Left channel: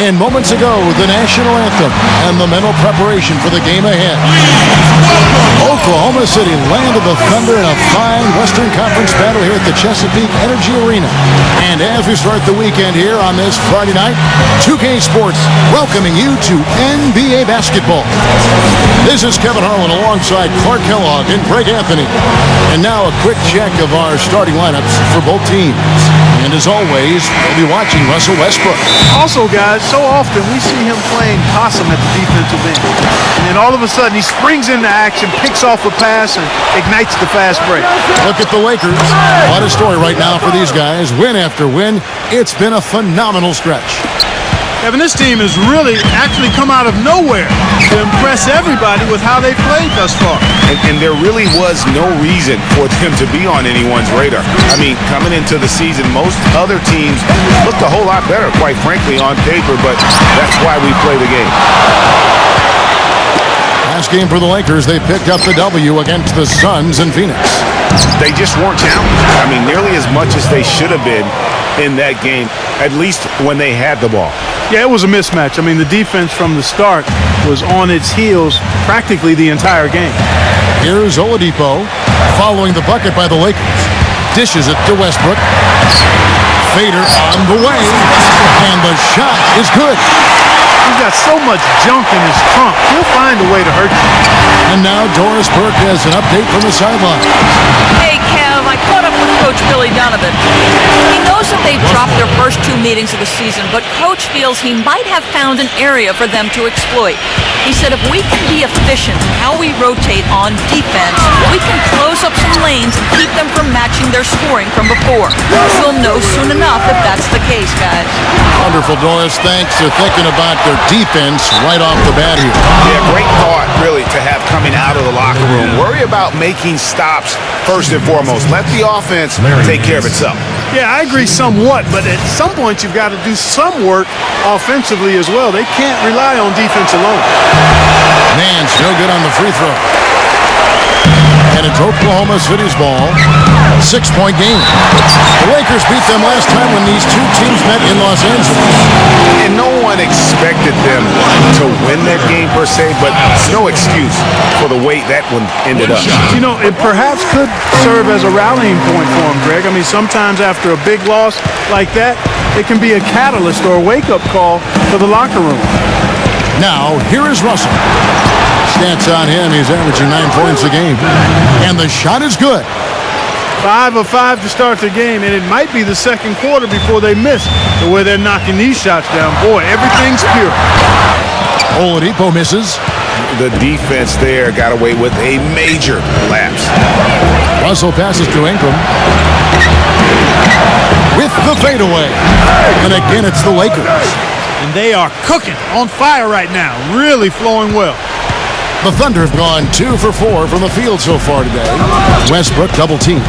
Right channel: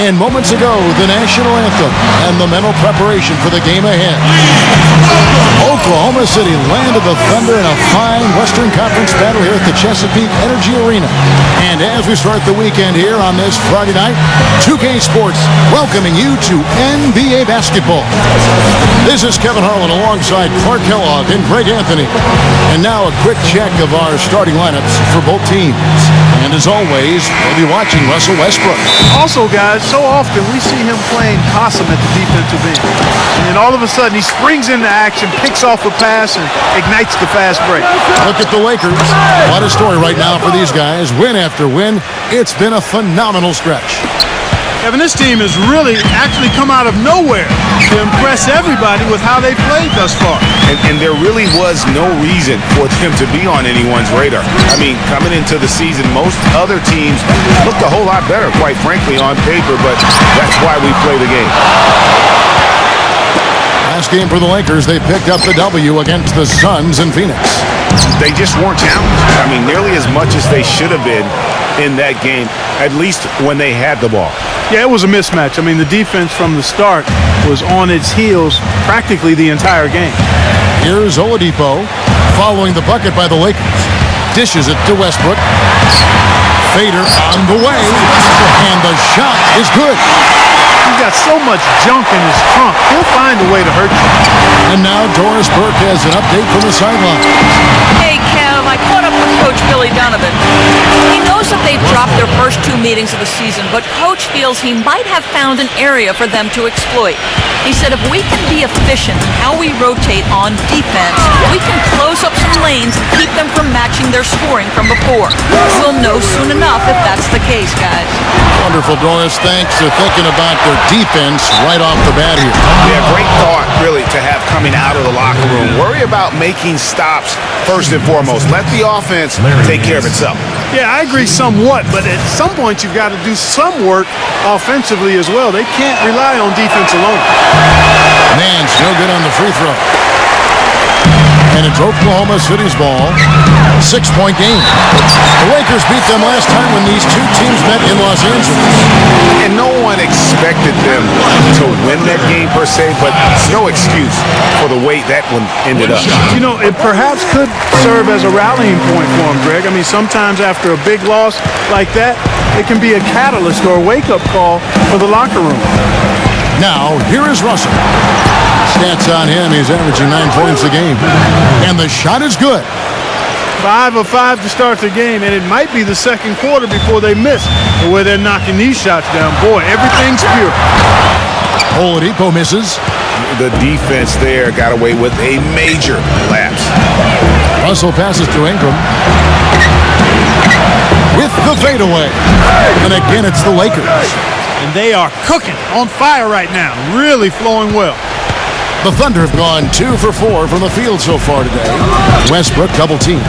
In moments ago, the national anthem and the mental preparation for the game ahead. Oklahoma City landed the Thunder in a fine Western Conference battle here at the Chesapeake Energy Arena. And as we start the weekend here on this Friday night, 2K Sports welcoming you to NBA basketball. This is Kevin Harlan alongside Clark Kellogg and Greg Anthony. And now a quick check of our starting lineups for both teams. And as always, we'll be watching Russell Westbrook. Also, guys, so often we see him playing possum at the defensive end. And then all of a sudden he springs into action, picks off a pass, and ignites the fast break. Look at the Lakers. What a story right now for these guys. Win after win. It's been a phenomenal stretch. Kevin, this team has really actually come out of nowhere to impress everybody with how they played thus far. And there really was no reason for them to be on anyone's radar. I mean, coming into the season, most other teams looked a whole lot better, quite frankly, on paper, but that's why we play the game. Last game for the Lakers, they picked up the W against the Suns in Phoenix. They just weren't challenged. I mean, nearly as much as they should have been in that game, at least when they had the ball. Yeah, it was a mismatch. I mean, the defense from the start was on its heels practically the entire game. Here's Oladipo following the bucket by the Lakers. Dishes it to Westbrook. Fader on the way, and the shot is good. He's got so much junk in his trunk, he'll find a way to hurt you. And now Doris Burke has an update from the sidelines. Hey, Kev, I caught up with Coach Billy Donovan. He knows that they've dropped their first 2 meetings of the season, but Coach feels he might have found an area for them to exploit. He said if we can be efficient in how we rotate on defense, we can close up some lanes and keep them from matching their scoring from before. We'll know soon enough if that's the case, guys. Wonderful, Doris. Thanks for thinking about their defense right off the bat here. Yeah, great thought, really, to have coming out of the locker room. Worry about making stops first and foremost. Let the offense take care of itself. Yeah, I agree somewhat, but at some point you've got to do some work offensively as well. They can't rely on defense alone. Man's no good on the free throw. And it's Oklahoma City's ball. 6-point game. The Lakers beat them last time when these two teams met in Los Angeles. And no one expected them to win that game per se, but no excuse for the way that one ended up. You know, it perhaps could serve as a rallying point for him, Greg. I mean, sometimes after a big loss like that, it can be a catalyst or a wake-up call for the locker room. Now, here is Russell. Stats on him, he's averaging 9 points a game. And the shot is good. 5 of 5 to start the game, and it might be the second quarter before they miss the way they're knocking these shots down. Boy, everything's pure. Oladipo misses. The defense there got away with a major lapse. Russell passes to Ingram. With the fadeaway. And again, it's the Lakers. And they are cooking, on fire right now, really flowing well. The Thunder have gone 2 for 4 from the field so far today. Westbrook double team.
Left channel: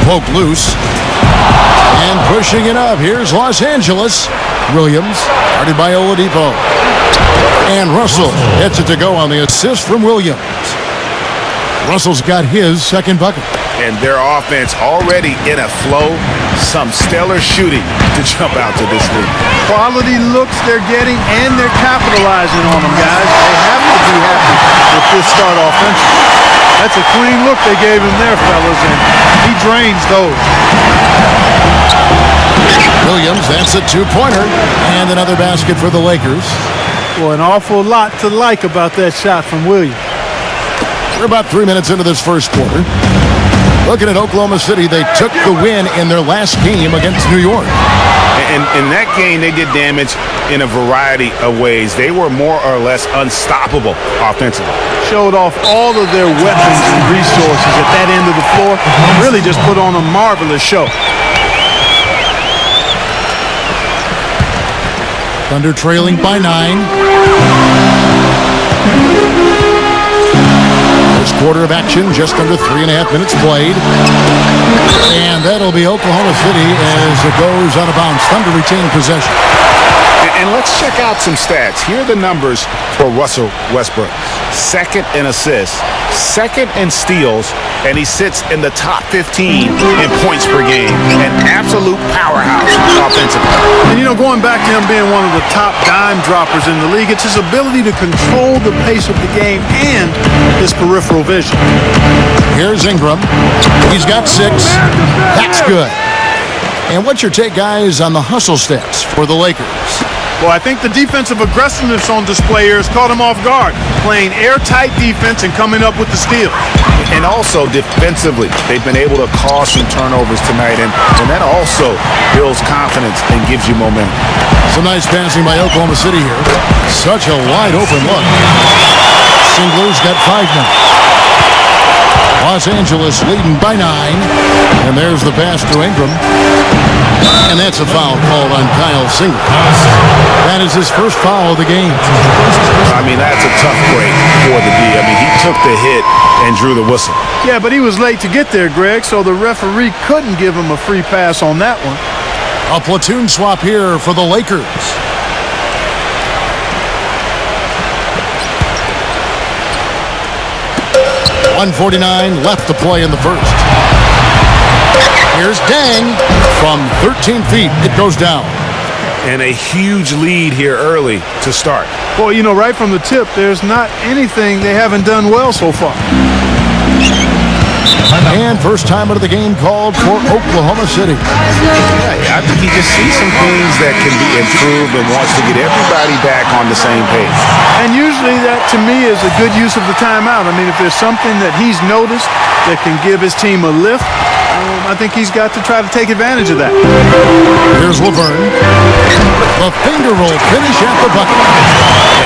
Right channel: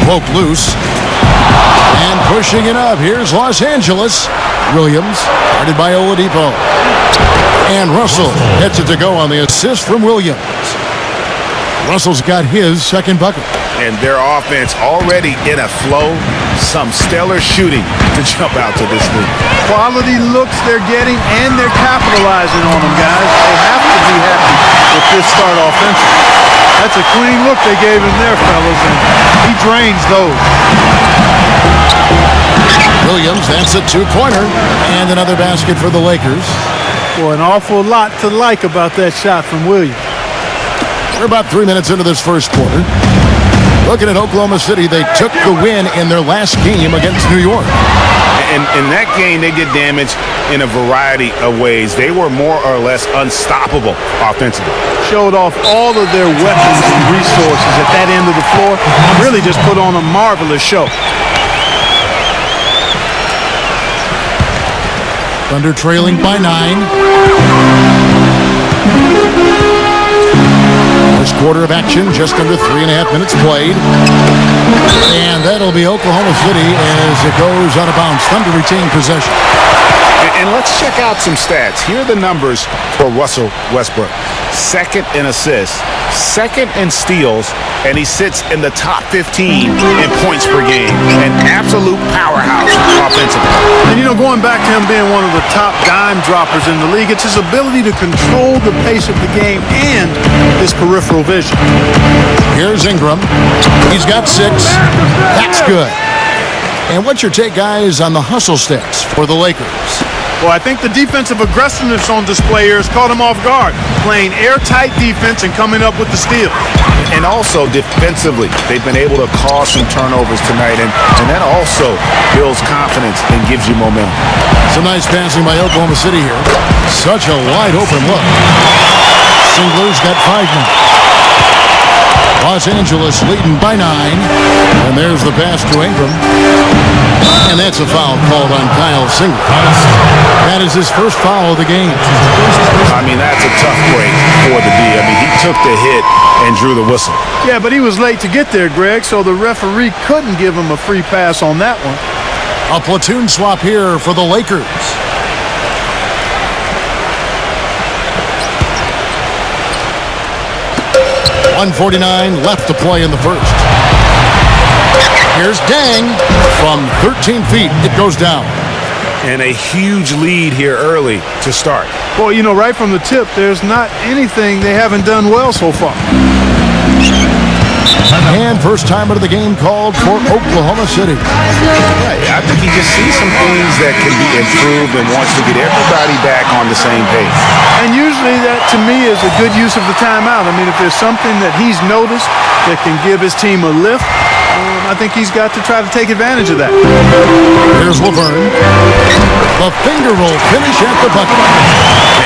Poke loose. And pushing it up. Here's Los Angeles. Williams, guarded by Oladipo. And Russell gets it to go on the assist from Williams. Russell's got his second bucket. And their offense already in a flow. Some stellar shooting to jump out to this league. Quality looks they're getting, and they're capitalizing on them, guys. They have to be happy with this start offensively. That's a clean look they gave him there, fellas, and he drains those. Williams, that's a 2-pointer. And another basket for the Lakers. Boy, an awful lot to like about that shot from Williams. We're about 3 minutes into this first quarter. Looking at Oklahoma City, they took the win in their last game against New York. And in that game, they did damage in a variety of ways. They were more or less unstoppable offensively. Showed off all of their weapons and resources at that end of the floor. Really just put on a marvelous show. Thunder trailing by 9. First quarter of action, just under 3.5 minutes played. And that'll be Oklahoma City as it goes out of bounds. Thunder retain possession. And let's check out some stats. Here are the numbers for Russell Westbrook. second in assists, second in steals, and he sits in the top 15 in points per game. An absolute powerhouse offensively. And, going back to him being one of the top dime droppers in the league, it's his ability to control the pace of the game and his peripheral vision. Here's Ingram. He's got 6. That's good. And what's your take, guys, on the hustle stats for the Lakers? Well, I think the defensive aggressiveness on display here has caught him off guard, playing airtight defense and coming up with the steals. And also defensively, they've been able to cause some turnovers tonight, and that also builds confidence and gives you momentum. Some nice passing by Oklahoma City here. Such a wide open look. Singler's got 5 now. Los Angeles leading by 9. And there's the pass to Ingram. And that's a foul called on Kyle Singler. That is his first foul of the game. I mean, that's a tough break for the D. I mean, he took the hit and drew the whistle. Yeah, but he was late to get there, Greg, so the referee couldn't give him a free pass on that one. A platoon swap here for the Lakers. .149 left to play in the first. Here's Dang from 13 feet. It goes down. And a huge lead here early to start. Well, right from the tip, there's not anything they haven't done well so far. And first time out of the game called for Oklahoma City. Yeah, I think he just sees some things that can be improved and wants to get everybody back on the same page. And usually that, to me, is a good use of the timeout. I mean, if there's something that he's noticed that can give his team a lift, I think he's got to try to take advantage of that. Here's Laverne. The finger roll finish at the bucket.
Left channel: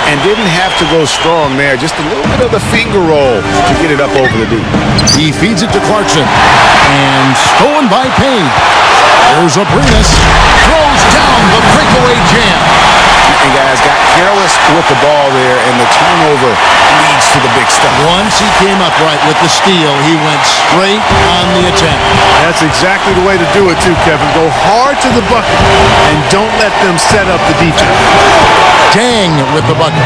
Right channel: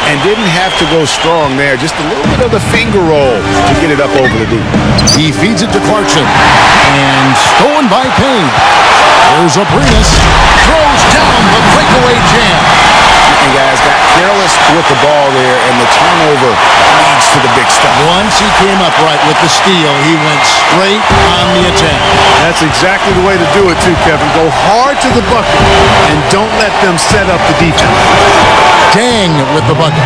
And didn't have to go strong there. Just a little bit of the finger roll to get it up over the D. He feeds it to Clarkson. And stolen by Payne. Here's Abrinas. Throws down the breakaway jam. And guys got careless with the ball there, and the turnover leads to the big stuff. Once he came upright with the steal, he went straight on the attack. That's exactly the way to do it too, Kevin. Go hard to the bucket and don't let them set up the defense. Dang with the bucket.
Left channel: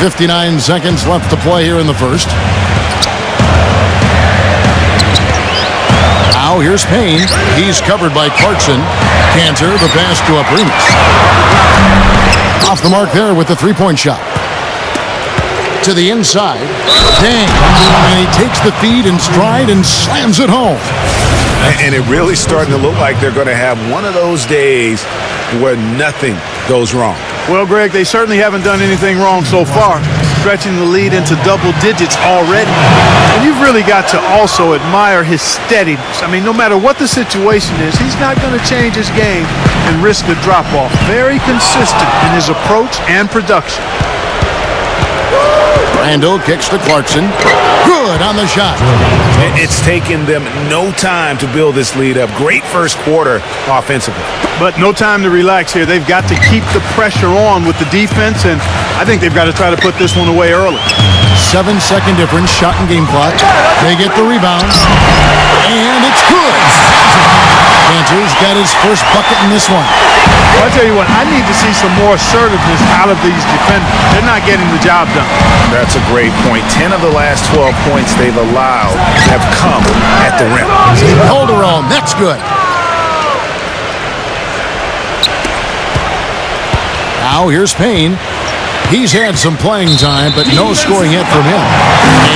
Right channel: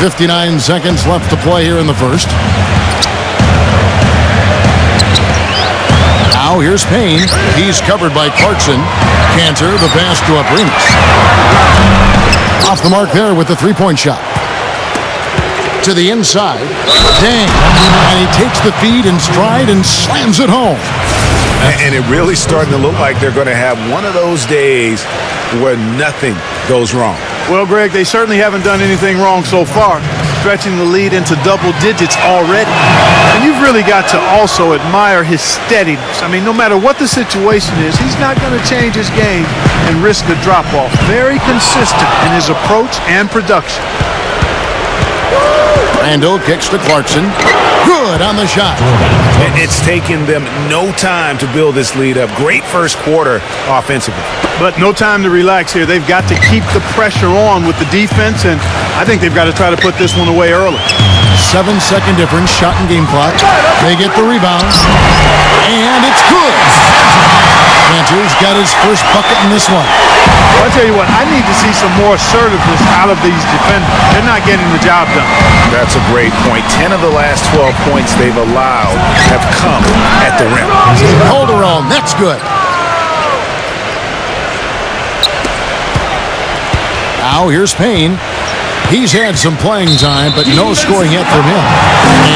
59 seconds left to play here in the first. Now here's Payne. He's covered by Clarkson. Cantor, the pass to Abrinas. Off the mark there with the three-point shot. To the inside. Dang. And he takes the feed in stride and slams it home. And it really starting to look like they're going to have one of those days where nothing goes wrong. Well, Greg, they certainly haven't done anything wrong so far, stretching the lead into double digits already. And you've really got to also admire his steadiness. I mean, no matter what the situation is, he's not going to change his game and risk a drop-off. Very consistent in his approach and production. Randall kicks to Clarkson. Good on the shot. It's taken them no time to build this lead up. Great first quarter offensively. But no time to relax here. They've got to keep the pressure on with the defense, and I think they've got to try to put this one away early. 7-second difference, shot and game clock. They get the rebound, and it's good. Cantor's got his first bucket in this one. Well, I tell you what, I need to see some more assertiveness out of these defenders. They're not getting the job done. That's a great point. 10 of the last 12 points they've allowed have come at the rim. Calderon, that's good. Now here's Payne. He's had some playing time, but no scoring yet from him.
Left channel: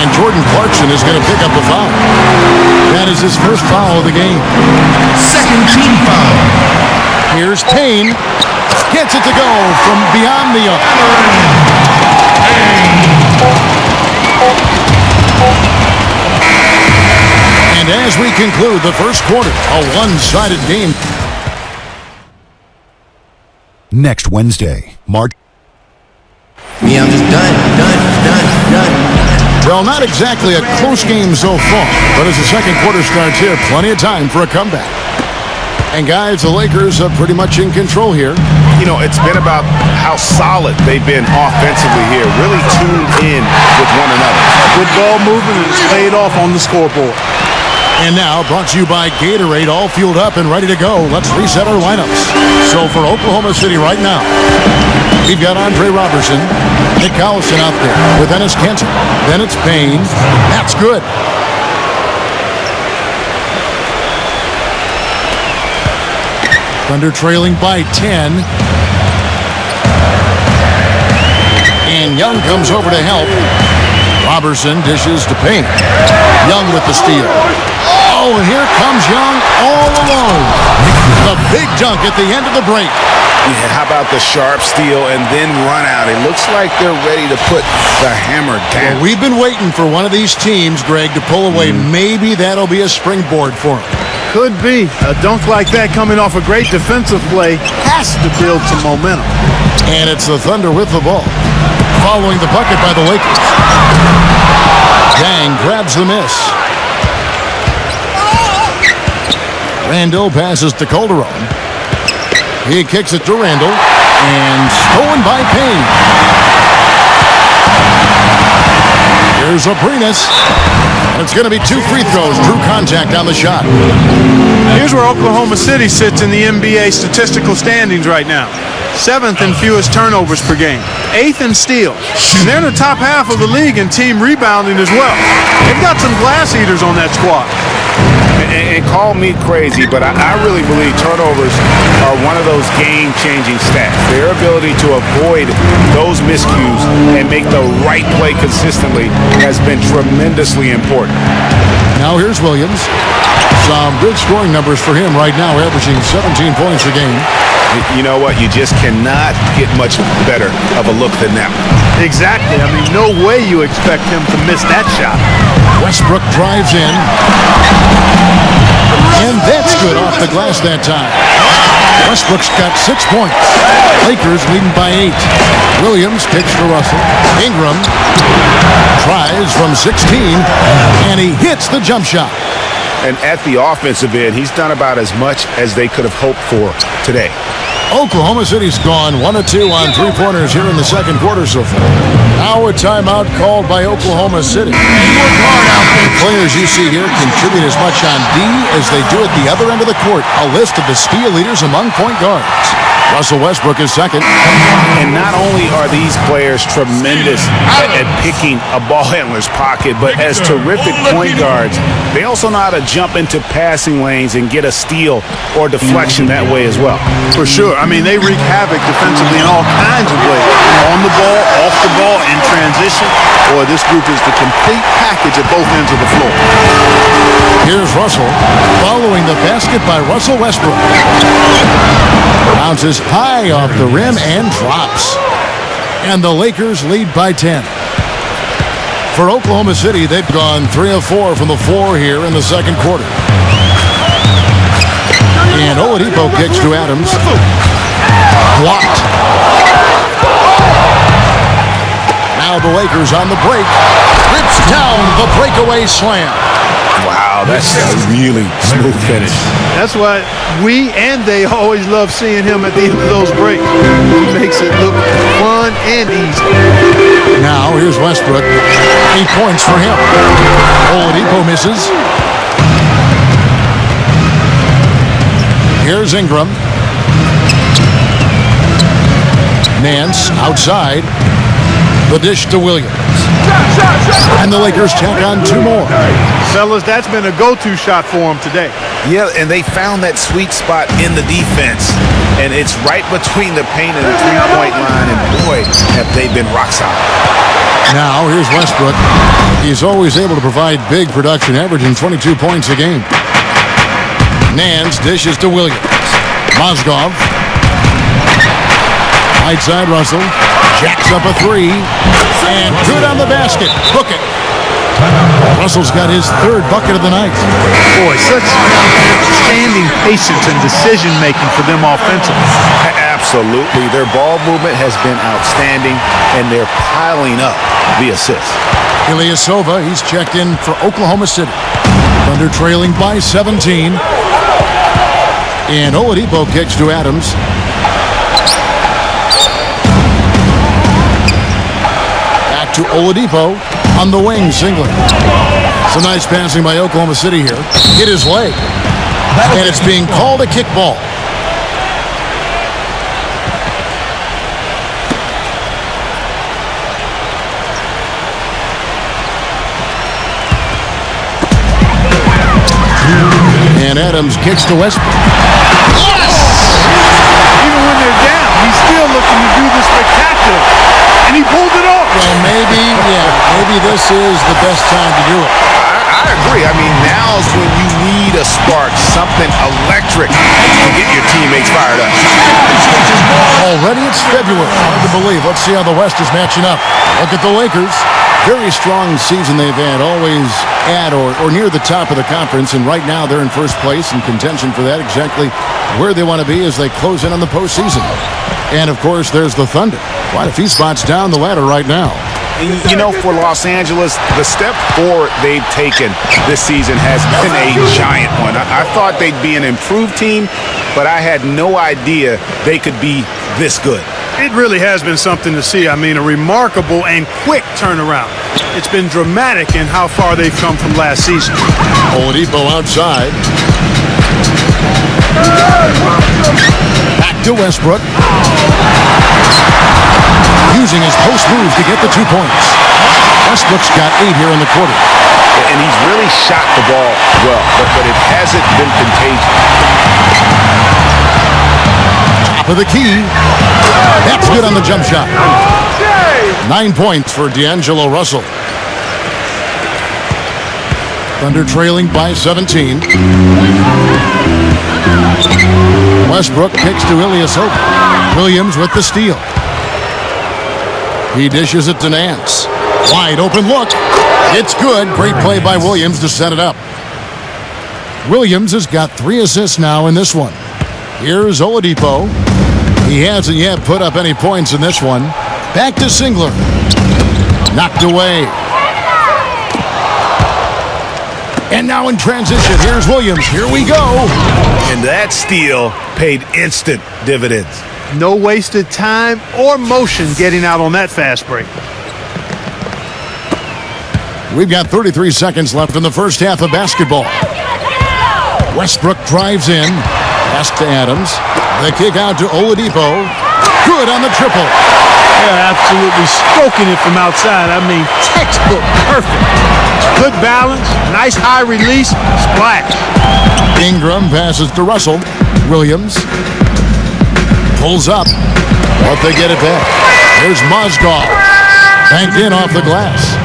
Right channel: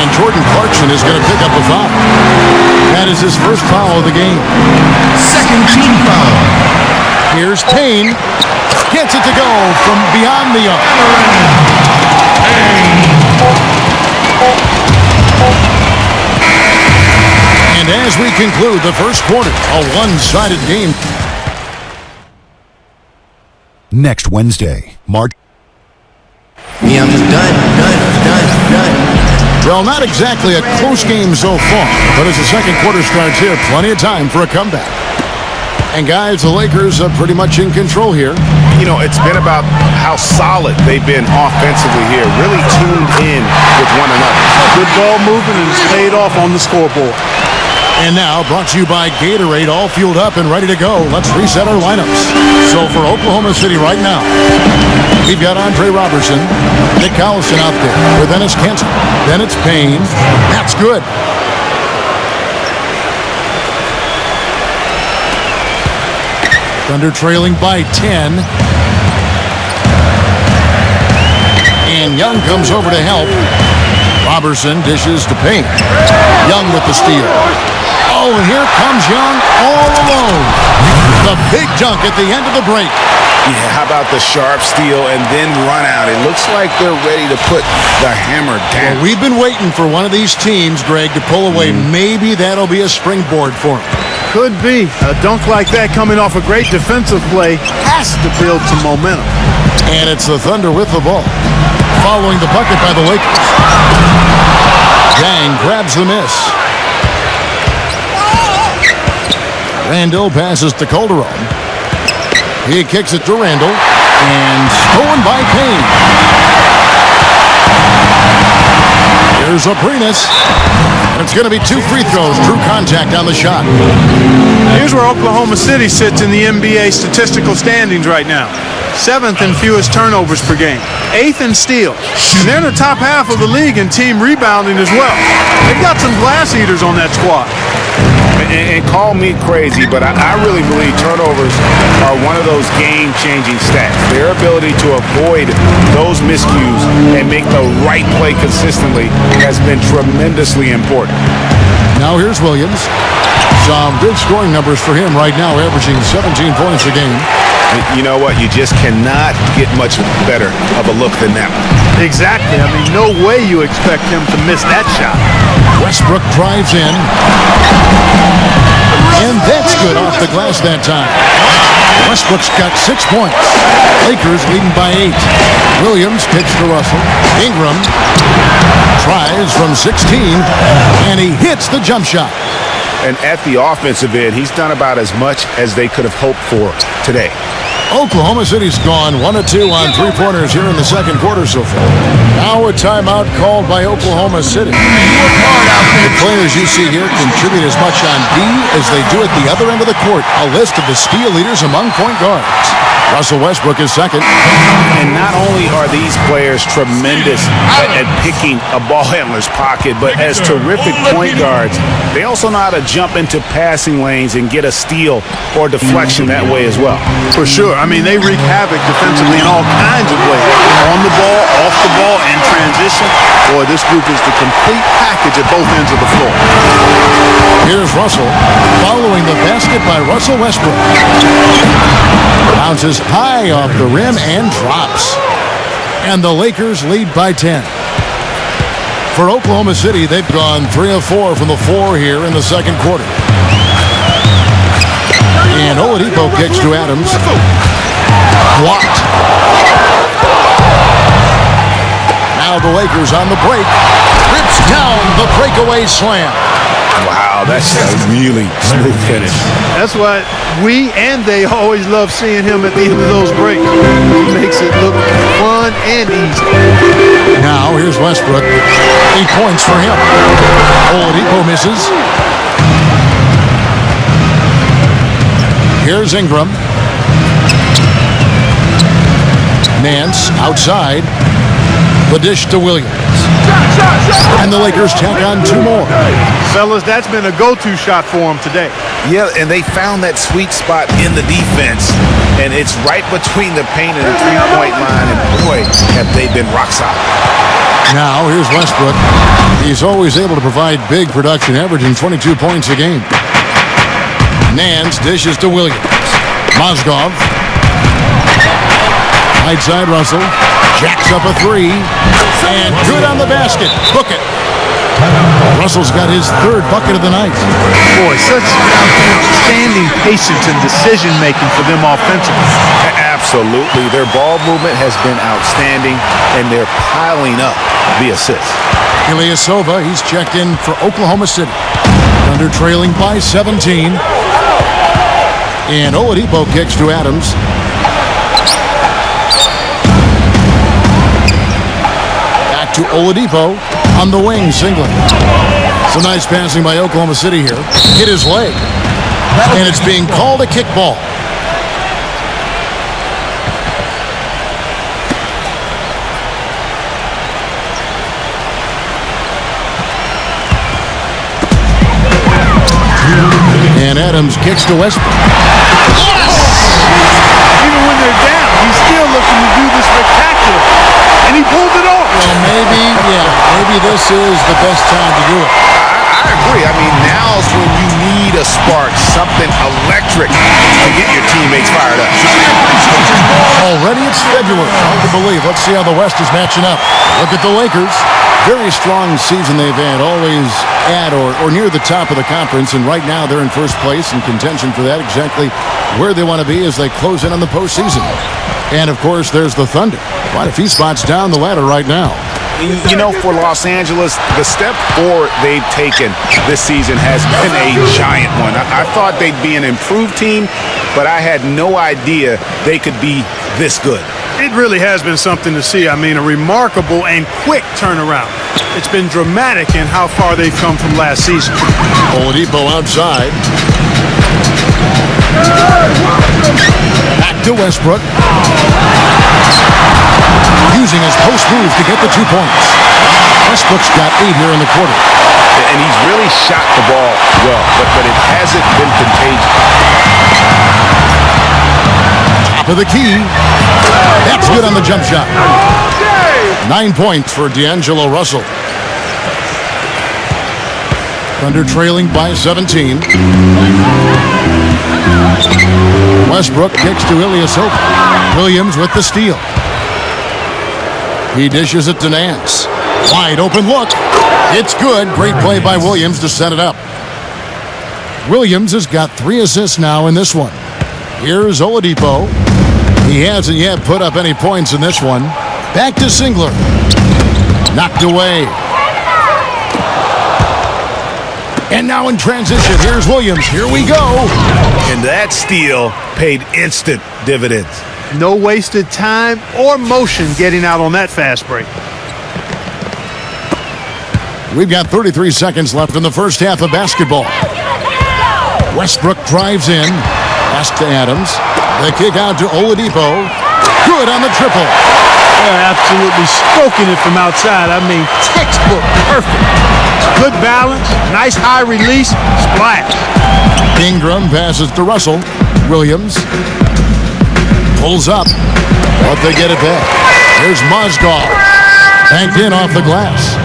And Jordan Clarkson is going to pick up a foul. That is his first foul of the game. Here's Payne. Gets it to go from beyond the arc. And as we conclude the first quarter, a one-sided game. Next Wednesday, March. Well, not exactly a close game so far, but as the second quarter starts here, plenty of time for a comeback. And guys, the Lakers are pretty much in control here. You know, it's been about how solid they've been offensively here, really tuned in with one another. Good ball movement, and it's paid off on the scoreboard. And now, brought to you by Gatorade, all fueled up and ready to go. Let's reset our lineups. So for Oklahoma City right now, We've got Andre Robertson. Nick Collison out there with Ennis Cantor. Then it's Payne. That's good. Thunder trailing by 10. And Young comes over to help. Robertson dishes to Payne. Young with the steal. Oh, and here comes Young all alone. The big dunk at the end of the break. Yeah, how about the sharp steal and then run out? It looks like they're ready to put the hammer down. Well, we've been waiting for one of these teams, Greg, to pull away. Maybe that'll be a springboard for them. Could be. A dunk like that coming off a great defensive play has to build some momentum. And it's the Thunder with the ball, following the bucket by the Lakers. Yang grabs the miss. Randall passes to Calderon. He kicks it to Randall, and stolen by Payne. Here's Aprinas, and it's going to be 2 free throws. True contact on the shot. Here's where Oklahoma City sits in the NBA statistical standings right now. 7th in fewest turnovers per game. 8th in steals. And they're in the top half of the league in team rebounding as well. They've got some glass eaters on that squad. And call me crazy, but I really believe turnovers are one of those game-changing stats. Their ability to avoid those miscues and make the right play consistently has been tremendously important. Now here's Williams. Some good scoring numbers for him right now, averaging 17 points a game. You know what? You just cannot get much better of a look than that one. Exactly. I mean, no way you expect him to miss that shot. Westbrook drives in. And that's good off the glass that time. Westbrook's got 6 points. Lakers leading by 8. Williams kicks to Russell. Ingram tries from 16, and he hits the jump shot. And at the offensive end, he's done about as much as they could have hoped for today. Oklahoma City's gone 1 of 2 on 3-pointers here in the second quarter so far. Now a timeout called by Oklahoma City. The players you see here contribute as much on D as they do at the other end of the court. A list of the steal leaders among point guards. Russell Westbrook is second. And not only are these players tremendous at picking a ball handler's pocket, but as terrific point guards, they also know how to jump into passing lanes and get a steal or deflection that way as well. For sure. I mean, they wreak havoc defensively in all kinds of ways. On the ball, off the ball, in transition. Boy, this group is the complete package at both ends of the floor. Here's Russell, following the basket by Russell Westbrook. Bounces high off the rim and drops. And the Lakers lead by 10. For Oklahoma City, they've gone 3 of 4 from the floor here in the second quarter. And Oladipo kicks to Adams. Blocked. Now the Lakers on the break. Rips down the breakaway slam. Wow, that's a really smooth finish. That's why we and they always love seeing him at the end of those breaks. He makes it look fun and easy. Now here's Westbrook. 8 points for him. Oladipo misses. Here's Ingram. Nance outside. The dish to Williams. And the Lakers tack on 2 more. Fellas, that's been a go-to shot for them today. Yeah, and they found that sweet spot in the defense. And it's right between the paint and the three-point line. And boy, have they been rock solid. Now here's Westbrook. He's always able to provide big production, averaging 22 points a game. Nance dishes to Williams. Mozgov. Right side Russell. Jacks up a 3. And good on the basket. Book it. Russell's got his 3rd bucket of the night. Boy, such outstanding patience and decision-making for them offensively. Absolutely. Their ball movement has been outstanding, and they're piling up the assists. Ilyasova, he's checked in for Oklahoma City. Thunder trailing by 17. And Oladipo kicks to Adams. Back to Oladipo on the wing, singling. Some nice passing by Oklahoma City here. Hit his leg. And it's being called a kickball. And Adams kicks to Westbrook. Even when they're down, he's still looking to do the spectacular. And he pulled it off. Well, maybe this is the best time to do it. I agree. I mean, now's when you need a spark, something electric to get your teammates fired up. Already it's February. Hard to believe. Let's see how the West is matching up. Look at the Lakers. Very strong season they've had, always at or near the top of the conference, and right now they're in first place in contention for that, exactly where they want to be as they close in on the postseason. And, of course, there's the Thunder. Quite a few spots down the ladder right now. You know, for Los Angeles, the step forward they've taken this season has been a giant one. I thought they'd be an improved team, but I had no idea they could be this good. It really has been something to see. I mean, a remarkable and quick turnaround. It's been dramatic in how far they've come from last season. Oladipo outside. Back to Westbrook. Using his post move to get the 2 points. Westbrook's got 8 here in the quarter. And he's really shot the ball well, but it hasn't been contagious. Top of the key. That's good on the jump shot. 9 points for D'Angelo Russell. Thunder trailing by 17. Westbrook kicks to Ilyasova. Williams with the steal. He dishes it to Nance. Wide open look. It's good. Great play by Williams to set it up. Williams has got 3 assists now in this one. Here's Oladipo. He hasn't yet put up any points in this one. Back to Singler. Knocked away. And now in transition, here's Williams. Here we go. And that steal paid instant dividends. No wasted time or motion getting out on that fast break. We've got 33 seconds left in the first half of basketball. Westbrook drives in. Pass to Adams. The kick out to Oladipo. Good on the triple. They're absolutely stroking it from outside. I mean, textbook perfect. Good balance, nice high release, splash. Ingram passes to Russell. Williams pulls up, but they get it back. Here's Mozgov. Banked in off the glass.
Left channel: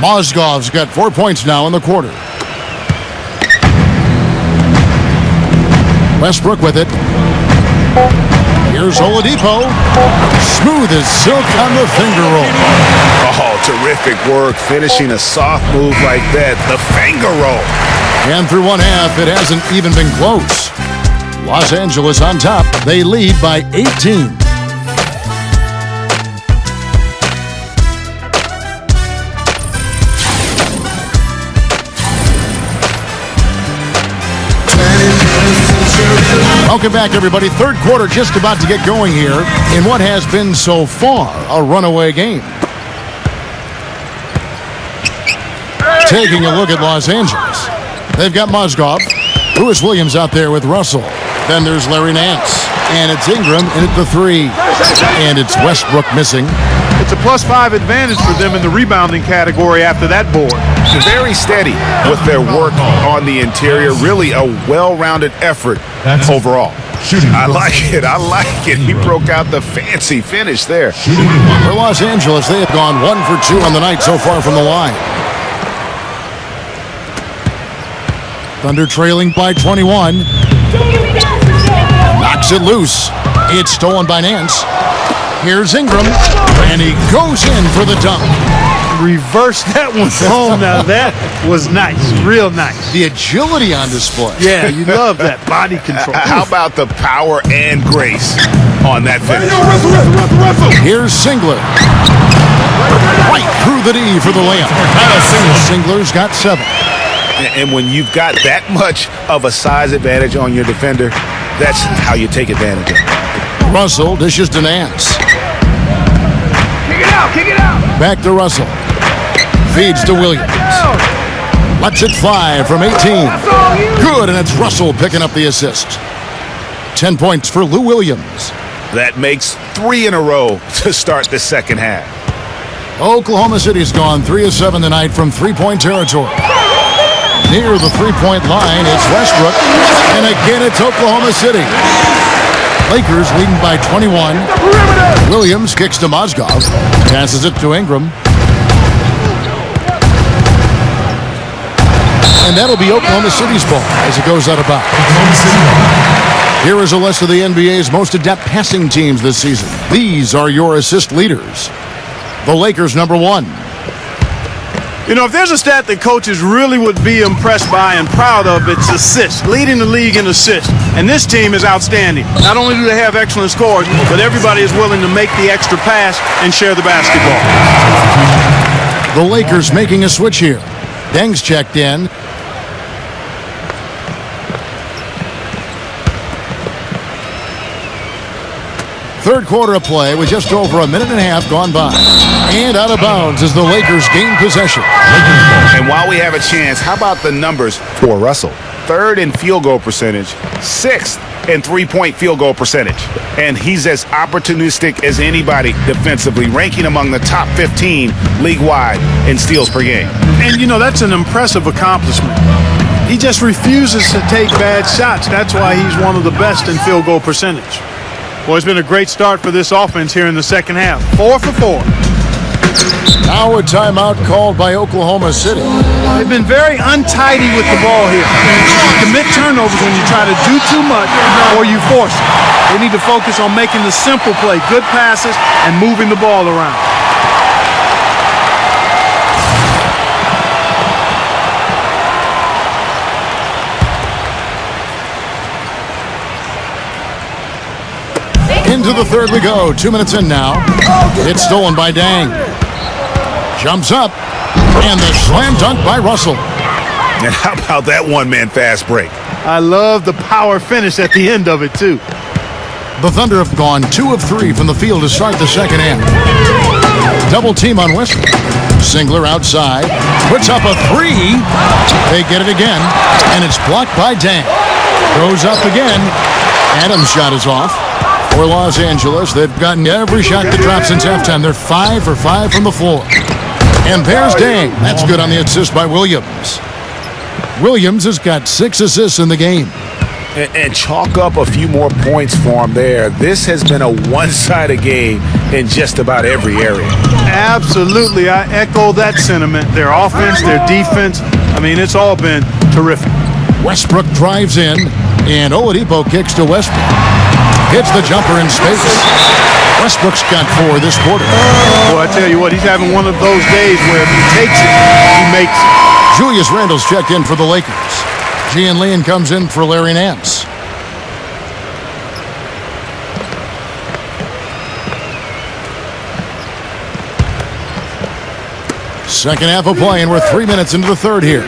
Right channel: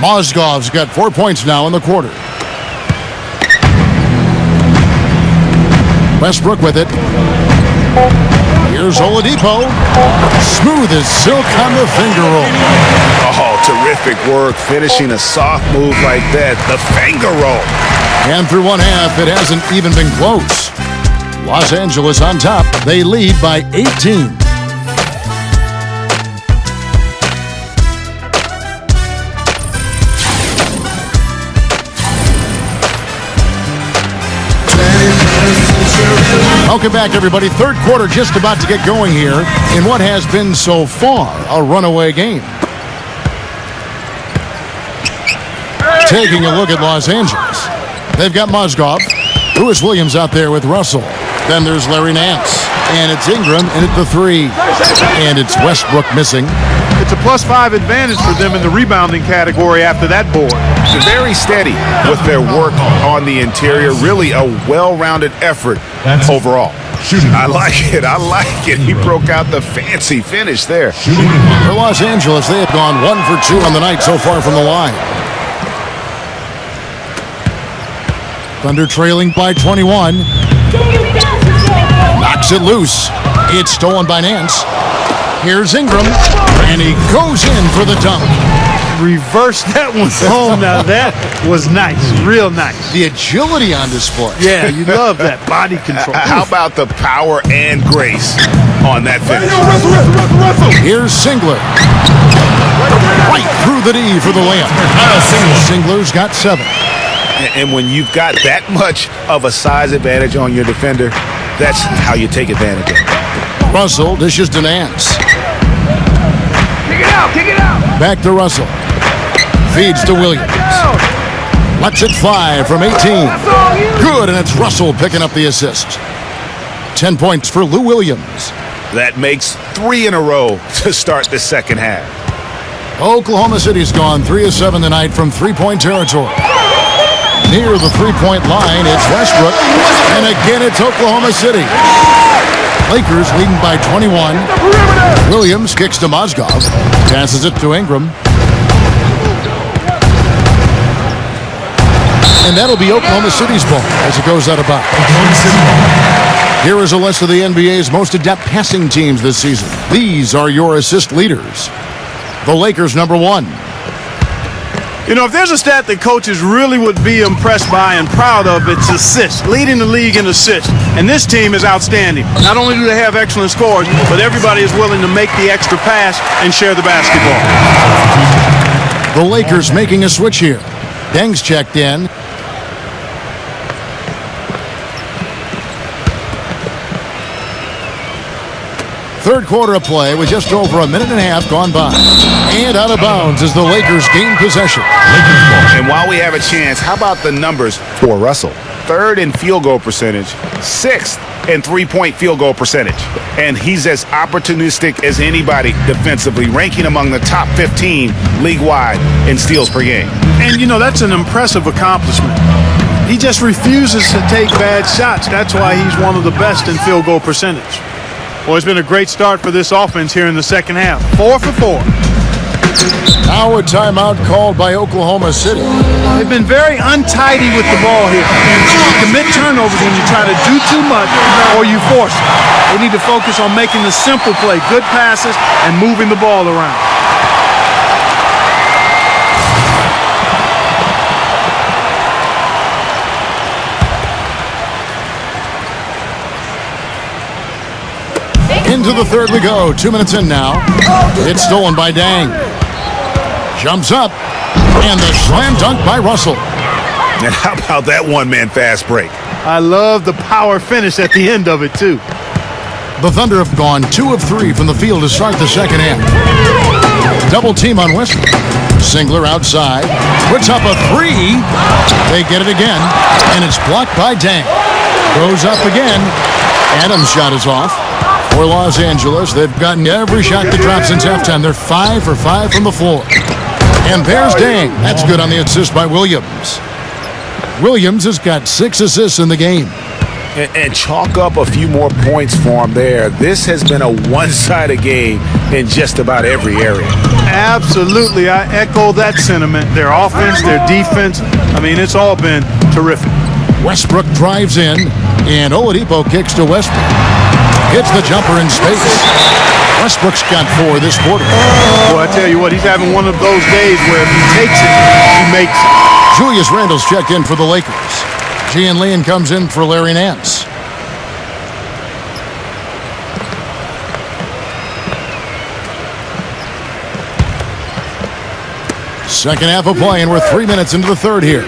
Mozgov's got 4 points now in the quarter. Westbrook with it. Here's Oladipo. Smooth as silk on the finger roll. Oh, terrific work finishing a soft move like that. The finger roll. And through one half, it hasn't even been close. Los Angeles on top. They lead by 18. Welcome back, everybody. Third quarter just about to get going here in what has been so far a runaway game. Taking a look at Los Angeles. They've got Mozgov. Lewis Williams out there with Russell. Then there's Larry Nance. And it's Ingram in at the 3. And it's Westbrook missing. It's a +5 advantage for them in the rebounding category after that board. They're very steady with their work on the interior. Really a well-rounded effort overall. I like it. I like it. He broke out the fancy finish there. For Los Angeles, they have gone 1 for 2 on the night so far from the line. Thunder trailing by 21. Knocks it loose. It's stolen by Nance. Here's Ingram, and he goes in for the dunk. Reverse that one home. Now that was nice, real nice. The agility on display. Yeah, you love that body control. How about the power and grace on that finish? Here's Singler. Right through the D for the layup. Singler's got 7. And when you've got that much of a size advantage on your defender, that's how you take advantage of it. Russell dishes to Nance. Kick it out, kick it out. Back to Russell. Feeds to Williams. Lets it fly from 18. Good, and it's Russell picking up the assist. 10 points for Lou Williams. That makes 3 in a row to start the second half. Oklahoma City's gone 3 of 7 tonight from 3-point territory. Near the three-point line, it's Westbrook. And again, it's Oklahoma City. Lakers leading by 21. Williams kicks to Mozgov. Passes it to Ingram. And that'll be Oklahoma City's ball as it goes out of bounds. Here is a list of the NBA's most adept passing teams this season. These are your assist leaders. The Lakers, number 1. You know, if there's a stat that coaches really would be impressed by and proud of, it's assists, leading the league in assists. And this team is outstanding. Not only do they have excellent scores, but everybody is willing to make the extra pass and share the basketball. The Lakers making a switch here. Deng's checked in. Third quarter of play with just over a minute and a half gone by. And out of bounds as the Lakers gain possession. And while we have a chance, how about the numbers for Russell? 3rd in field goal percentage, 6th in three-point field goal percentage. And he's as opportunistic as anybody defensively, ranking among the top 15 league-wide in steals per game. And, you know, that's an impressive accomplishment. He just refuses to take bad shots. That's why he's one of the best in field goal percentage. Well, it's been a great start for this offense here in the second half. 4 for 4. Now a timeout called by Oklahoma City. They've been very untidy with the ball here. You commit turnovers when you try to do too much or you force it. They need to focus on making the simple play, good passes, and moving the ball around. Into the third we go. 2 minutes in now. It's stolen by Deng. Jumps up. And the slam dunk by Russell. And how about that one-man fast break? I love the power finish at the end of it, too. The Thunder have gone 2 of 3 from the field to start the second half. Double team on Westbrook. Singler outside. Puts up a 3. They get it again. And it's blocked by Deng. Goes up again. Adams' shot is off. For Los Angeles, they've gotten every shot to drop since halftime. They're 5 for 5 from the floor. And there's Deng. That's good on the assist by Williams. Williams has got 6 assists in the game. And chalk up a few more points for him there. This has been a one-sided game in just about every area. Absolutely. I echo that sentiment. Their offense, their defense, I mean, it's all been terrific. Westbrook drives in, and Oladipo kicks to Westbrook. Hits the jumper in space. Westbrook's got 4 this quarter. Boy, I tell you what, he's having one of those days where if he takes it, he makes it. Julius Randle's checked in for the Lakers. Gian Leon comes in for Larry Nance. Second half of play, and we're 3 minutes into the third here.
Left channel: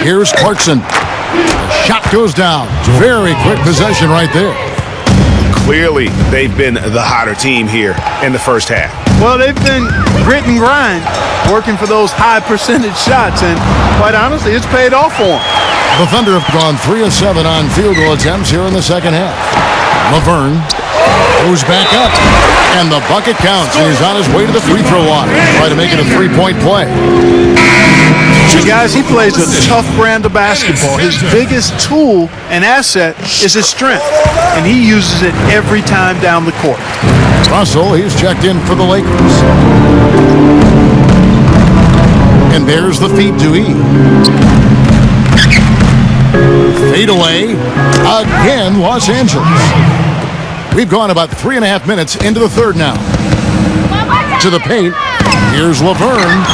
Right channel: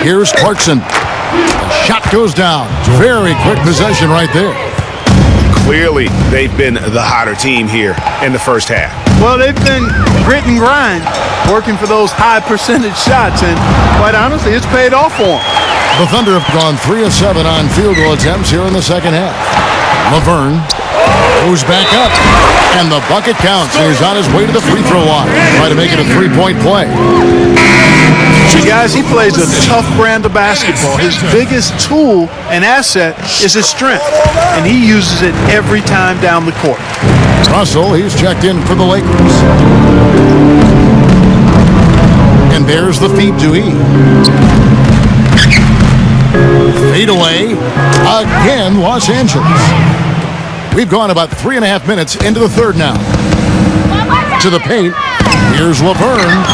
Here's Clarkson. The shot goes down. Very quick possession right there. Clearly, they've been the hotter team here in the first half. Well, they've been grit and grind, working for those high percentage shots, and quite honestly, it's paid off for them. The Thunder have gone 3 of 7 on field goal attempts here in the second half. Laverne goes back up, and the bucket counts, and he's on his way to the free throw line. Try to make it a 3-point play. And guys, he plays a tough brand of basketball. His biggest tool and asset is his strength, and he uses it every time down the court. Russell, he's checked in for the Lakers. And there's the feed to E. Fade away. Again, Los Angeles. We've gone about 3.5 minutes into the third now. To the paint. Here's Laverne.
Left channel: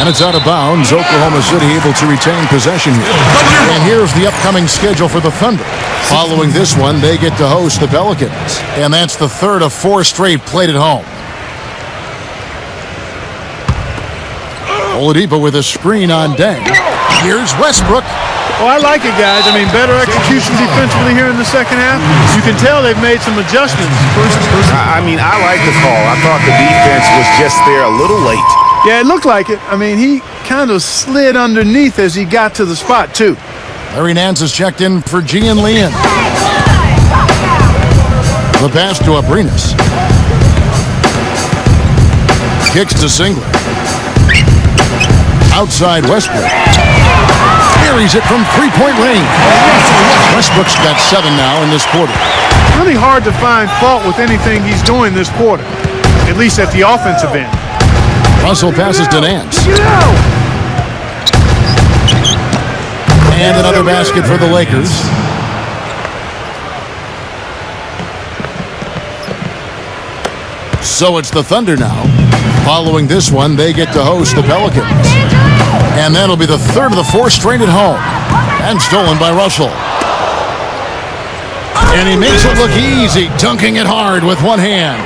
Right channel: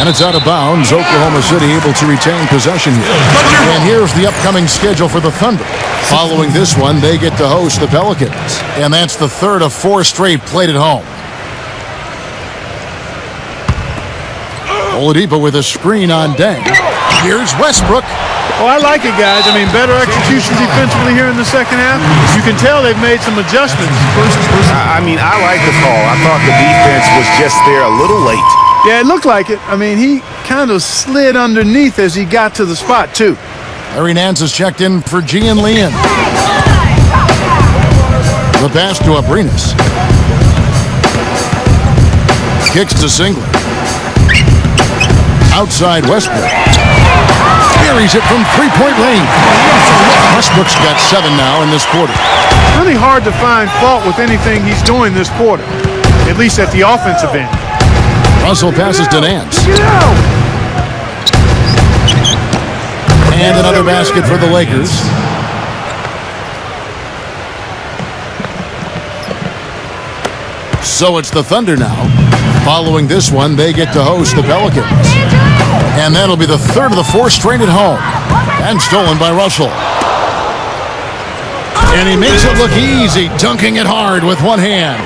And it's out of bounds. Oklahoma City able to retain possession here. And here's the upcoming schedule for the Thunder. Following this one, they get to host the Pelicans. And that's the third of 4 straight played at home. Oladipo with a screen on Deng. Here's Westbrook. Oh, I like it, guys. I mean, better execution defensively here in the second half. You can tell they've made some adjustments. I mean, I like the call. I thought the defense was just there a little late. Yeah, it looked like it. I mean, he kind of slid underneath as he got to the spot, too. Larry Nance has checked in for Gian Leon. The pass to Abrinas. Kicks to Singler. Outside Westbrook. Buries it from three-point range. Westbrook's got 7 now in this quarter. Really hard to find fault with anything he's doing this quarter, at least at the offensive end. Russell passes to Nance. And another basket for the Lakers. So it's the Thunder now. Following this one, they get to host the Pelicans. And that'll be the third of the 4 straight at home. And stolen by Russell. And he makes it look easy, dunking it hard with one hand.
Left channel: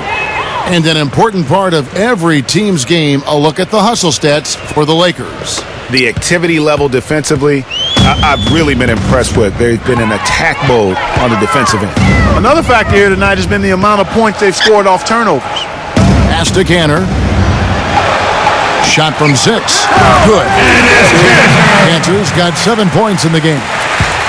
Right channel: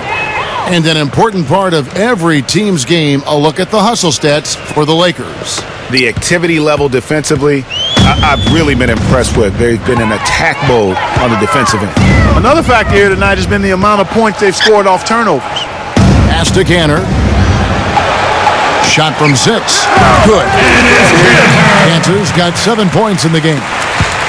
And an important part of every team's game, a look at the hustle stats for the Lakers. The activity level defensively, I've really been impressed with. They've been in attack mode on the defensive end. Another factor here tonight has been the amount of points they've scored off turnovers. Pass to Cantor. Shot from 6. Good. Cantor's got 7 points in the game.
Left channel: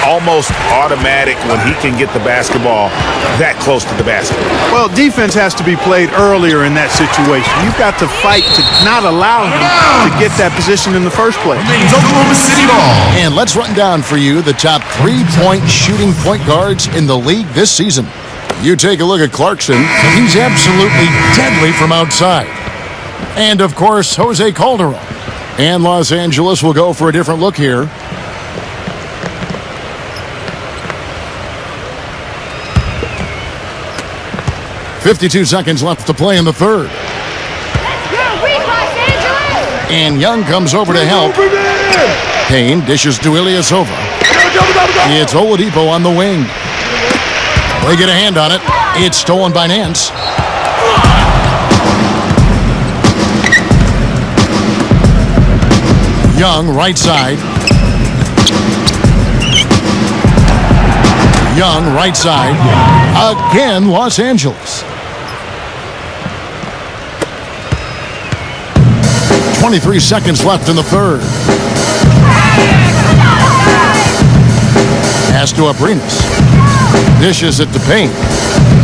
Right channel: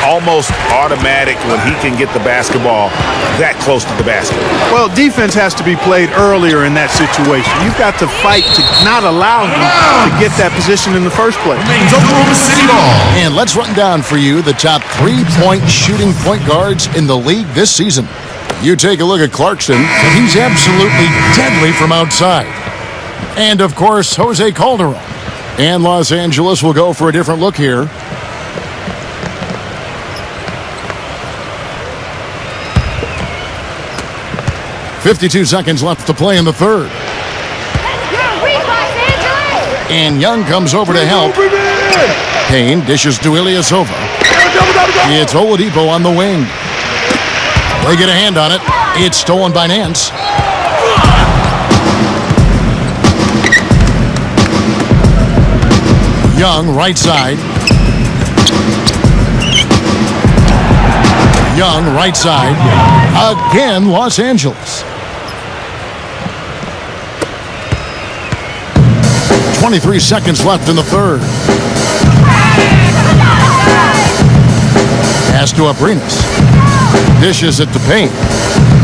Almost automatic when he can get the basketball that close to the basket. Well, defense has to be played earlier in that situation. You've got to fight to not allow him to get that position in the first place. And let's run down for you the top 3-point shooting point guards in the league this season. You take a look at Clarkson. He's absolutely deadly from outside. And, of course, Jose Calderon. And Los Angeles will go for a different look here. .52 seconds left to play in the third. And Young comes over to help. Payne dishes to Ilyasova. It's Oladipo on the wing. They get a hand on it. It's stolen by Nance. Young, right side. Young, right side. Again, Los Angeles. 23 seconds left in the third. Pass to Abrinas. Dishes it to Payne.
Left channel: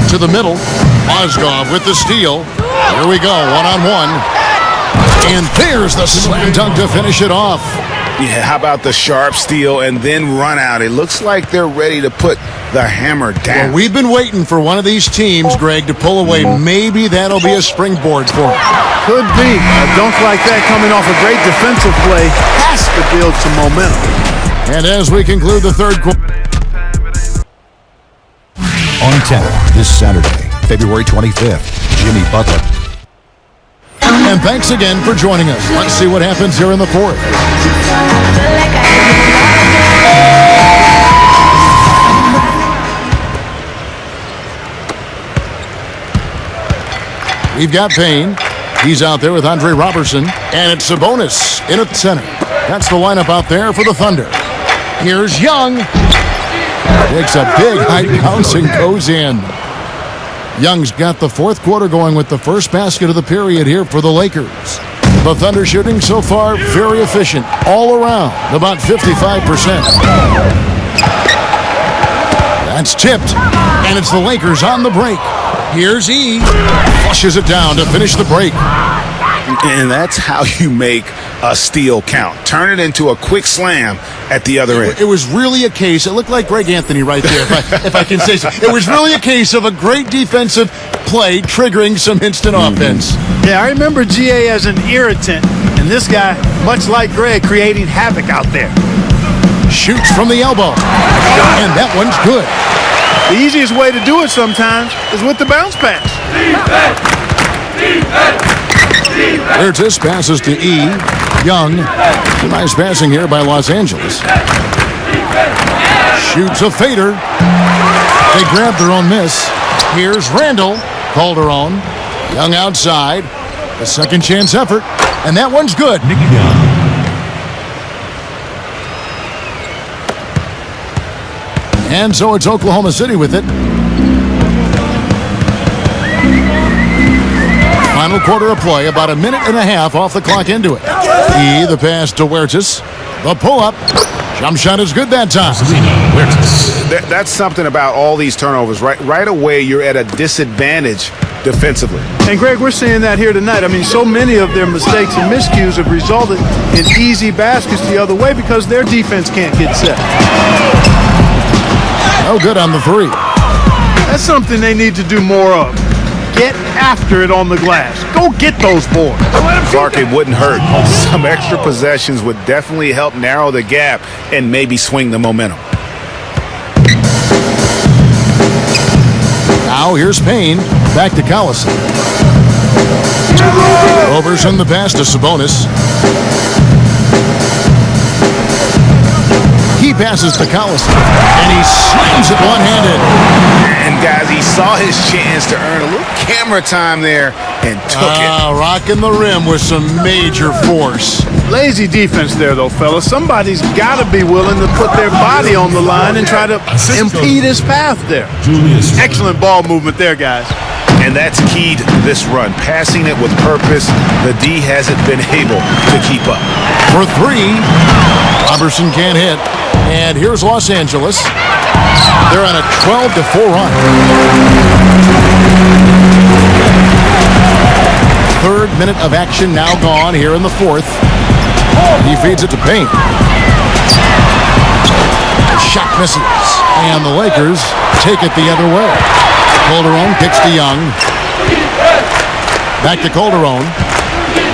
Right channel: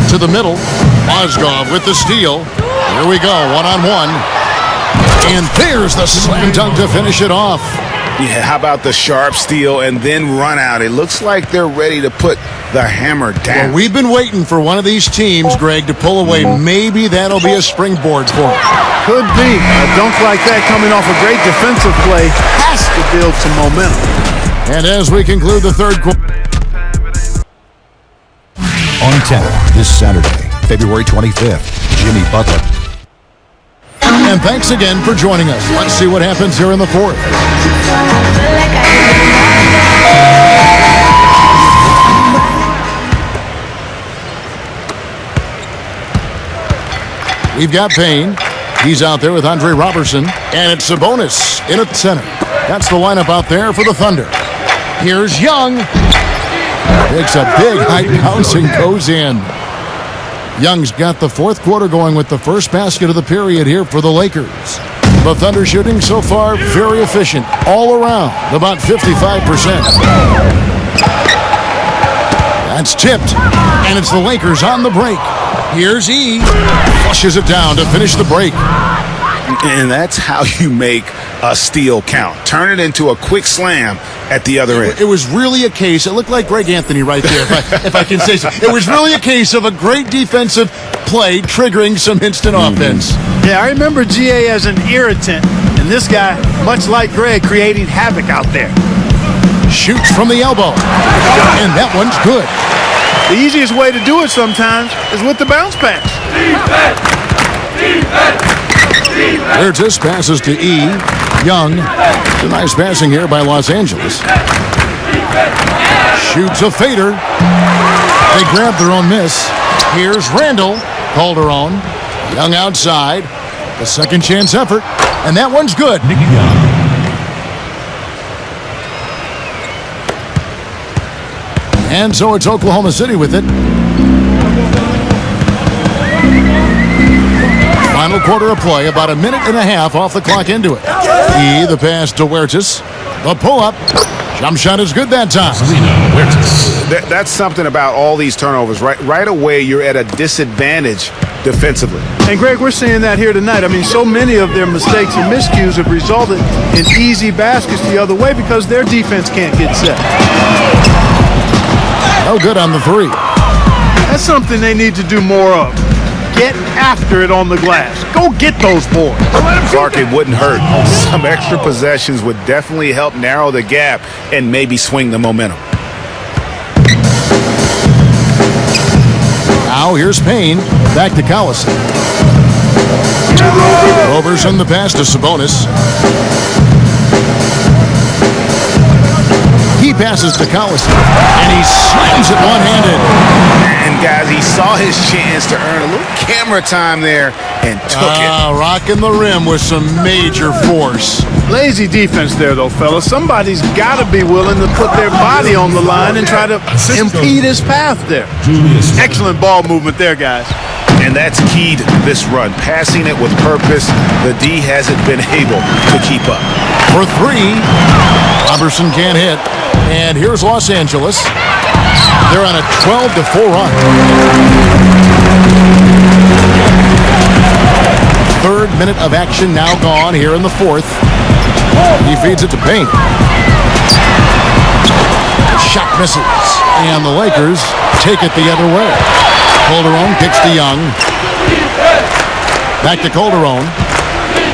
To the middle. Mozgov with the steal. Here we go, one-on-one. And there's the slam dunk to finish it off. Yeah, how about the sharp steal and then run out? It looks like they're ready to put the hammer down. Well, we've been waiting for one of these teams, Greg, to pull away. Maybe that'll be a springboard for them. Could be. A dunk like that coming off a great defensive play has to build some momentum. And as we conclude the third quarter. On 10 this Saturday, February 25th, Jimmy Butler. And thanks again for joining us. Let's see what happens here in the fourth. We've got Payne. He's out there with Andre Robertson. And it's Sabonis in at center. That's the lineup out there for the Thunder. Here's Young. Takes a big height bounce and goes in. Young's got the fourth quarter going with the first basket of the period here for the Lakers. The Thunder shooting so far very efficient all around, about 55%. That's tipped, and it's the Lakers on the break. Here's E. Flushes it down to finish the break. And that's how you make a steal count. Turn it into a quick slam at the other end. It was really a case, it looked like Greg Anthony right there, if I can say so. It was really a case of a great defensive play triggering some instant offense. Yeah, I remember GA as an irritant, and this guy, much like Greg, creating havoc out there. Shoots from the elbow, and that one's good. The easiest way to do it sometimes is with the bounce pass. Huertas passes to E. Young. It's a nice passing here by Los Angeles. Shoots a fader. They grab their own miss. Here's Randall. Calderon. Young outside. The second chance effort. And that one's good. And so it's Oklahoma City with it. Final quarter of play, about a minute and a half off the clock into it. E, the pass to Huertas. The pull-up. Jump shot is good that time. That's something about all these turnovers. Right away, you're at a disadvantage defensively. And Greg, we're seeing that here tonight. I mean, so many of their mistakes and miscues have resulted in easy baskets the other way because their defense can't get set. No good on the three. That's something they need to do more of. Get after it on the glass. Go get those boards. Clark, it wouldn't hurt. Some extra possessions would definitely help narrow the gap and maybe swing the momentum. Now here's Payne. Back to Collison. Roberson the pass to Sabonis. He passes to Collison, and he slams it one-handed. And guys, he saw his chance to earn a little camera time there and took it. Rocking the rim with some major force. Lazy defense there, though, fellas. Somebody's got to be willing to put their body on the line and try to impede his path there. Excellent ball movement there, guys. And that's keyed this run. Passing it with purpose, the D hasn't been able to keep up. For three, Roberson can't hit. And here's Los Angeles. They're on a 12-4 run. Third minute of action now gone here in the fourth. He feeds it to Payne. The shot misses. And the Lakers take it the other way. Calderon kicks to Young. Back to Calderon.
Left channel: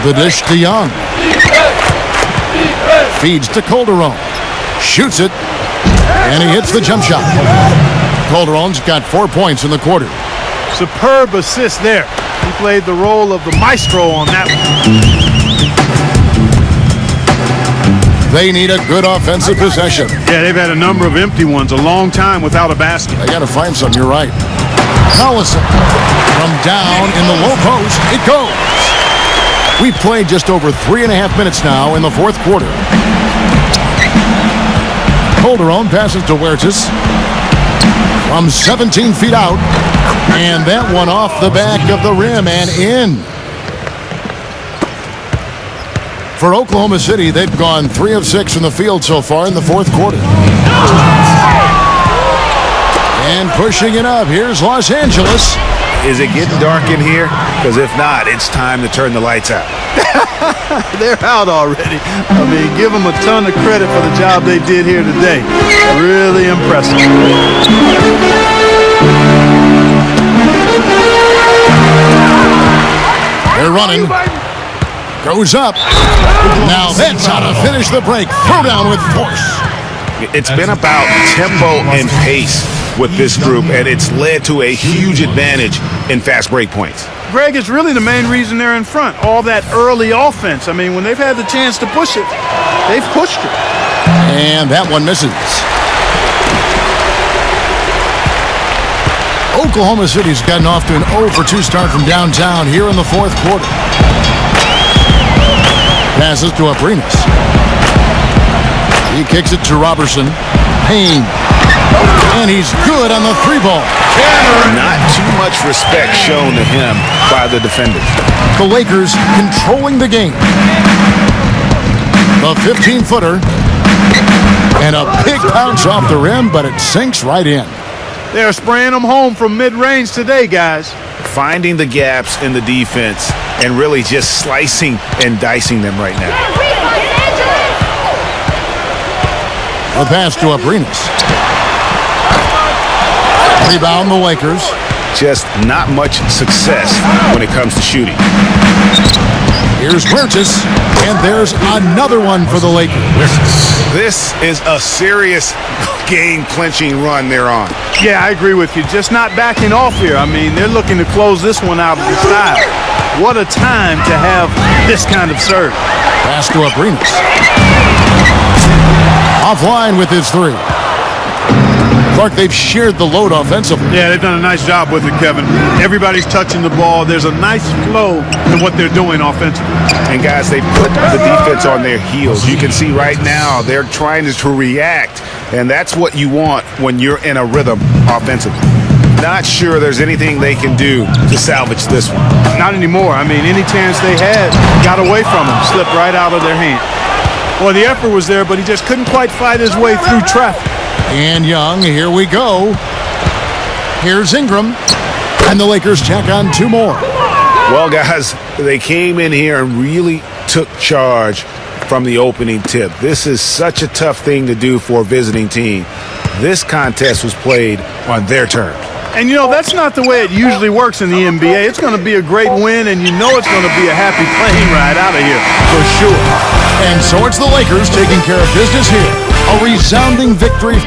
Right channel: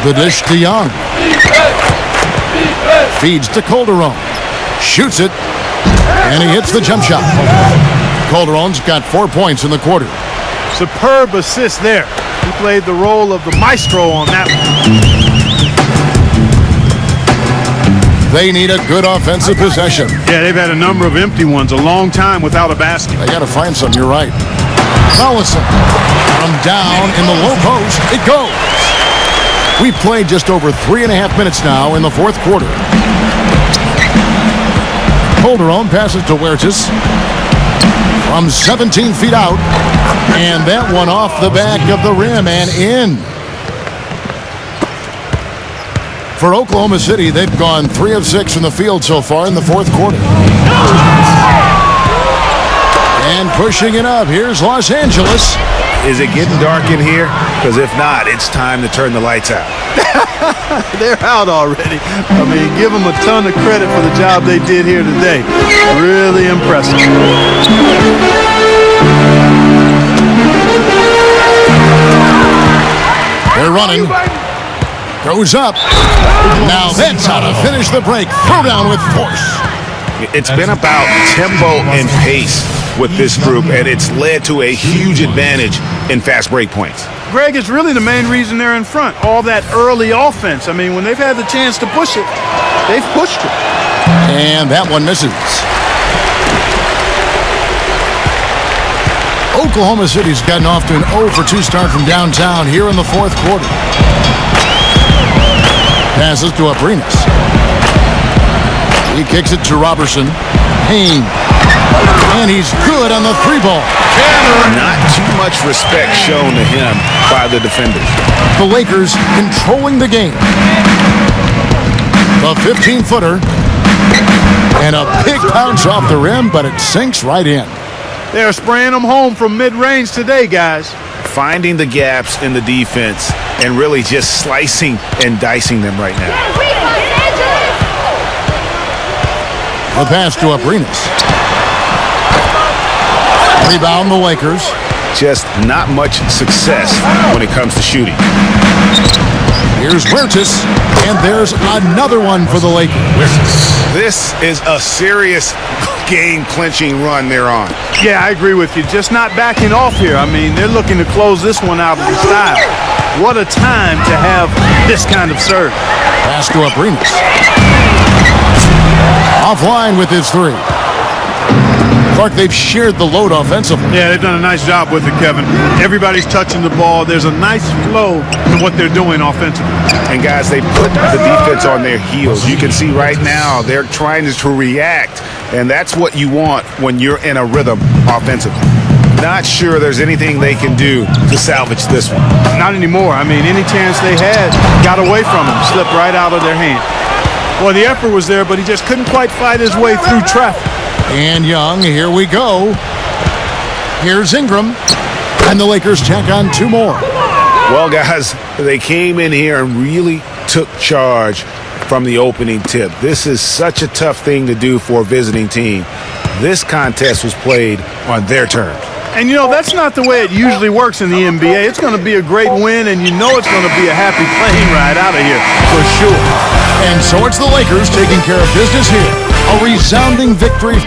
The dish to Young. Feeds to Calderon. Shoots it. And he hits the jump shot. Calderon's got 4 points in the quarter. Superb assist there. He played the role of the maestro on that one. They need a good offensive possession. Yeah, they've had a number of empty ones, a long time without a basket. They got to find some, you're right. Collison from down in the low post. It goes. We've played just over 3.5 minutes now in the fourth quarter. Calderon passes to Huertas from 17 feet out. And that one off the back of the rim and in. For Oklahoma City, they've gone 3 of 6 from the field so far in the fourth quarter. And pushing it up, here's Los Angeles. Is it getting dark in here? Because if not, it's time to turn the lights out. They're out already. I mean, give them a ton of credit for the job they did here today. Really impressive. They're running. Goes up. Now that's how to finish the break. Throw down with force. It's been about tempo and pace with this group, and it's led to a huge advantage in fast break points. Greg, it's really the main reason they're in front. All that early offense. I mean, when they've had the chance to push it, they've pushed it. And that one misses. Oklahoma City's gotten off to an 0 for 2 start from downtown here in the fourth quarter. Passes to Abrinas. He kicks it to Roberson. Payne. And he's good on the 3-ball. Not too much respect shown to him by the defenders. The Lakers controlling the game. The 15-footer. And a big bounce off the rim, but it sinks right in. They're spraying them home from mid-range today, guys. Finding the gaps in the defense and really just slicing and dicing them right now. The pass to Abrinas. Rebound the Lakers. Just not much success when it comes to shooting. Here's Huertas, and there's another one for the Lakers. This is a serious game-clinching run they're on. Yeah, I agree with you. Just not backing off here. I mean, they're looking to close this one out of the style. What a time to have this kind of serve. Pass to Abrinas. Offline with his 3. Clark, they've shared the load offensively. Yeah, they've done a nice job with it, Kevin. Everybody's touching the ball. There's a nice flow to what they're doing offensively. And guys, they put the defense on their heels. You can see right now they're trying to react, and that's what you want when you're in a rhythm offensively. Not sure there's anything they can do to salvage this one. Not anymore. I mean, any chance they had got away from them, slipped right out of their hand. Well, the effort was there, but he just couldn't quite fight his way through traffic. And Young, here we go. Here's Ingram. And the Lakers tack on 2 more. Well, guys, they came in here and really took charge from the opening tip. This is such a tough thing to do for a visiting team. This contest was played on their terms. And, you know, that's not the way it usually works in the NBA. It's going to be a great win, and you know it's going to be a happy plane ride out of here for sure. And so it's the Lakers taking care of business here. A resounding victory.